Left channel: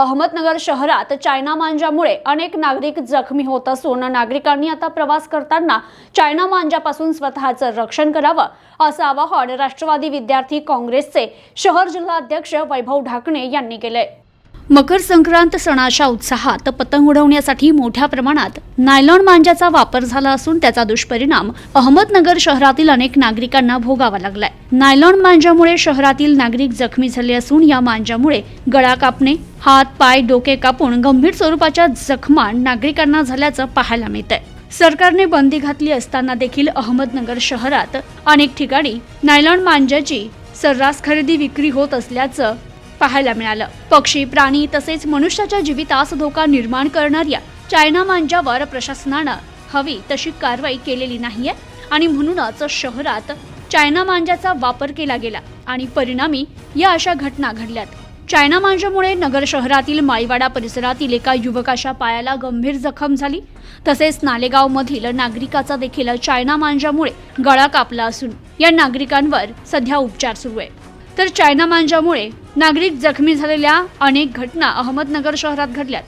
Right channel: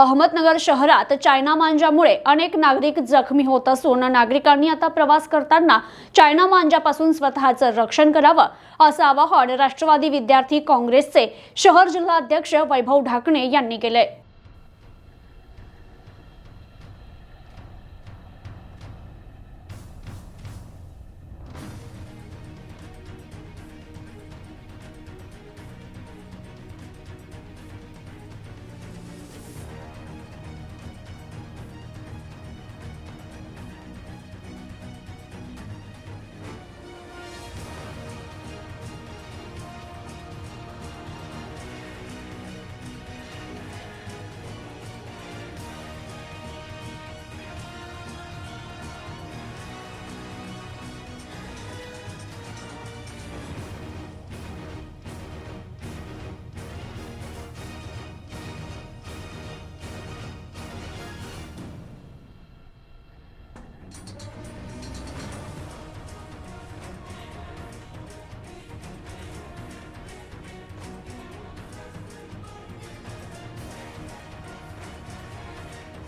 अहमदनगर शहरात चायना मांजामुळे अनेक नागरिक जखमी होत असून नागरिकांनी आता प्रवास करताना चायना मांजापासून स्वतःचं रक्षण करावं असं आवाहन राष्ट्रवादी विद्यार्थी काँग्रेसचे शहर जिल्हाध्यक्ष वैभव ढाकणे यांनी केलंय. मकर संक्रांत सणाच्या उत्साहात पतंग उडवण्यासाठी मोठ्या प्रमाणात नायलॉन मांजाचा वापर झाला असून त्याचा दुष्परिणाम अहमदनगर शहरातील अनेक नागरिकांना भोगावा लागलाय. नायलॉन मांजामुळे शहरातील नागरिक जखमी झाले असून या मांजामुळे गळा कापणे हात पाय डोके कापून गंभीर स्वरूपाच्या जखमा नागरिकांना झाल्याचं पाहायला मिळत आहे सरकारने बंदी घातली असताना देखील अहमदनगर शहरात अनेक ठिकाणी नायलॉन मांजाची सर्रास खरेदी विक्री होत असल्याचं पाहायला मिळालं. पक्षी प्राणी तसेच मनुष्याच्या जीवितास धोका निर्माण करणाऱ्या चायना मांजावर प्रशासनानं हवी तशी कारवाई केलेली नाहीये आणि म्हणूनच शहरात चायना मांजाचा वापर केला गेला आणि परिणामी या अशा घटना घडल्यात. चायना मांजामुळे नगर शहरातील माईवाडा परिसरातील एका युवकाच्या पायाला गंभीर जखम झाली. तसेच नालेगाव मधील नागरिकाचा देखील चायना मांजामुळे गळा कापला असून या नागरिकांवर सध्या उपचार सुरू आहे. तर चायना मांजामुळे नागरिक जखमी झालेल्या अनेक घटना अहमदनगर शहरात घडल्यात.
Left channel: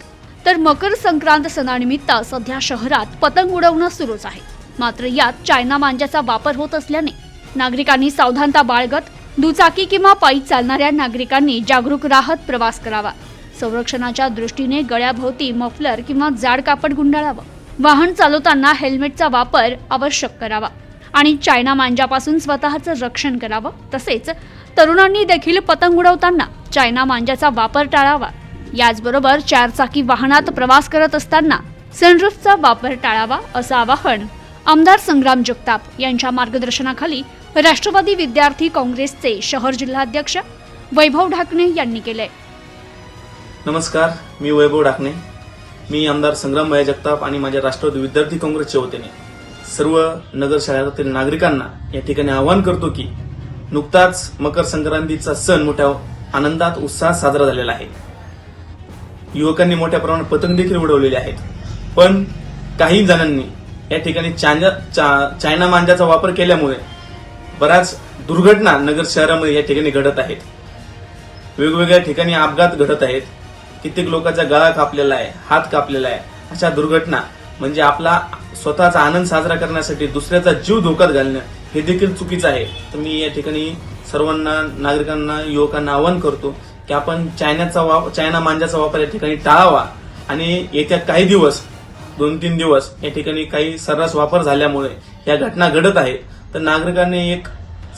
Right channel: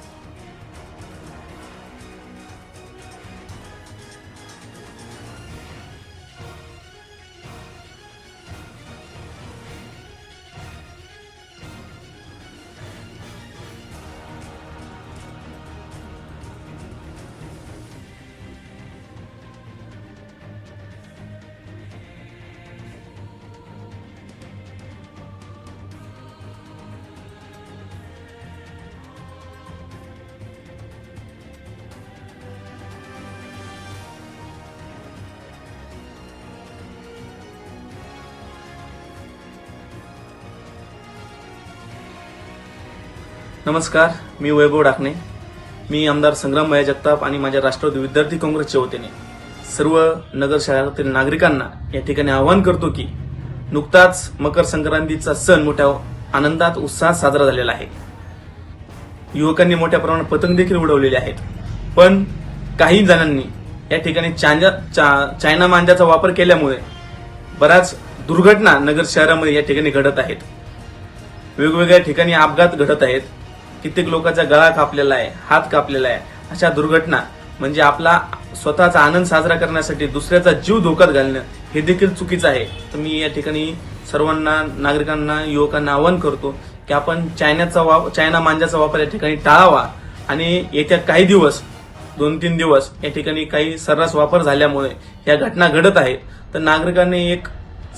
तर मकर संक्रांत सणानिमित्त सध्या शहरात पतंग उडवणं सुरूच आहे. मात्र यात चायना मांजाचा वापर होत असल्याने नागरिकांनी सावधानता बाळगत दुचाकी किंवा पायी चालणाऱ्या नागरिकांनी जागरूक राहत प्रवास करावा. संरक्षणाच्या दृष्टीने गळ्याभोवती मफलर किंवा जाड कापड गुंडाळावं. वाहन चालवताना हेल्मेटचा वापर आवश्यक करावा आणि चायना मांजापासून स्वतःचं रक्षण करावं तसेच तरुणांनी देखील पतंग उडवताना चायना मांजाचा वापर टाळावा. याचबरोबर चारचाकी वाहनात प्रवास करत असताना सनरूफचा वापर टाळावा असं आवाहन आमदार संग्राम जगताप यांच्या मार्गदर्शनाखाली राष्ट्रवादी विद्यार्थी काँग्रेसचे शहर जिल्हाध्यक्ष वैभव ढाकणे यांनी केले. नमस्कार मी वैभव ढाकणे. मी आमदार संग्राम भया जगताप आणि माझ्या राष्ट्रवादी विद्यार्थी काँग्रेसच्या वतीने सर्व नगर शहरातील नागरिकांना या ठिकाणी आवाहन करतो की नुकताच मकर संक्रांतीचा सण मोठ्या आनंदात उत्साहात साजरा झालेला आहे. युवकांनी मोठ्या प्रमाणात पतंग देखील उडवलेले आहेत. पण काही जणांनी या ठिकाणी चांजा चा- चायना मांजाचा वापर केल्यामुळे बऱ्याच दुर्घटना नगर शहरामध्ये या ठिकाणी घडत आहेत. वेगवेगळ्या ठिकाणी अपघात घडत आहेत. कित्येक लोकांचा गळा कापलेला आहे हात कापलेला आहे. अशा दुर्घटना म्हणजे आपला स्वतःचा आनंद साजरा करण्यासाठी दुसऱ्याचा जीव धोक्यात घालणं हे देखील चुकीचं आहे. तर मी या ठिकाणी सर्वांना नागरिकांना युवकांना आवाहन करतो की आपण चायनाचा वापर चायना मांजाचा वापर या ठिकाणी टाळावा. आणि येत्या काही दिवस दोन तीन दिवस या ठिकाणी काही सर्रास वापर झाल्यामुळे या घटना घडत आहेत. तर नागरिकांनी एक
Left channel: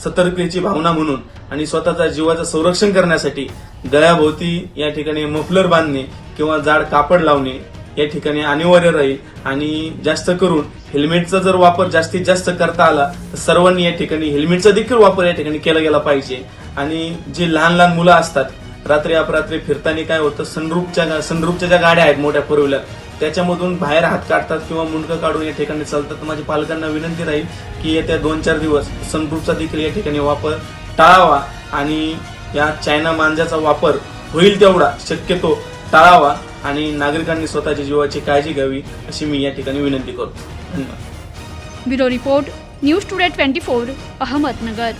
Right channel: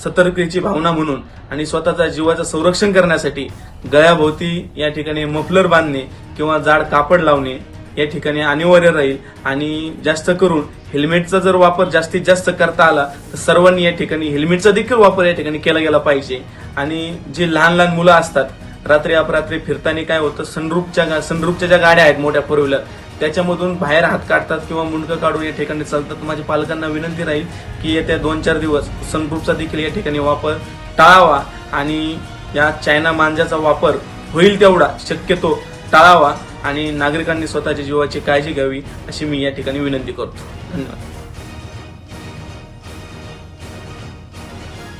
सतर्कतेची भावना म्हणून आणि स्वतःच्या जीवाचं संरक्षण करण्यासाठी गळ्याभोवती या ठिकाणी मफलर बांधणे किंवा जाड कापड लावणे या ठिकाणी अनिवार्य राहील. आणि जास्त करून हेल्मेटचा जर वापर जास्तीत जास्त करता आला तर सर्वांनी या ठिकाणी हेल्मेटचा देखील वापर या ठिकाणी केला गेला पाहिजे. आणि जे लहान लहान मुलं असतात रात्री अपरात्री फिरताना काय होतं सनरूपच्या सनरूपच्या ज्या गाड्या आहेत मोठ्या फोर व्हीलर त्याच्यामधून बाहेर हात काढतात किंवा मुंडकं काढून या ठिकाणी चालतात. माझ्या पालकांना विनंती राहील की येत्या दोन चार दिवस सनरूपचा देखील या ठिकाणी वापर टाळावा आणि या चायना मांजाचा वापर होईल तेवढा. शक्यतो टाळावा. आणि नागरिकांनी स्वतःच्या जीवाची काळजी घ्यावी अशी मी या ठिकाणी विनंती करतो. धन्यवाद. Bureau report news today twenty four Ahmednagar.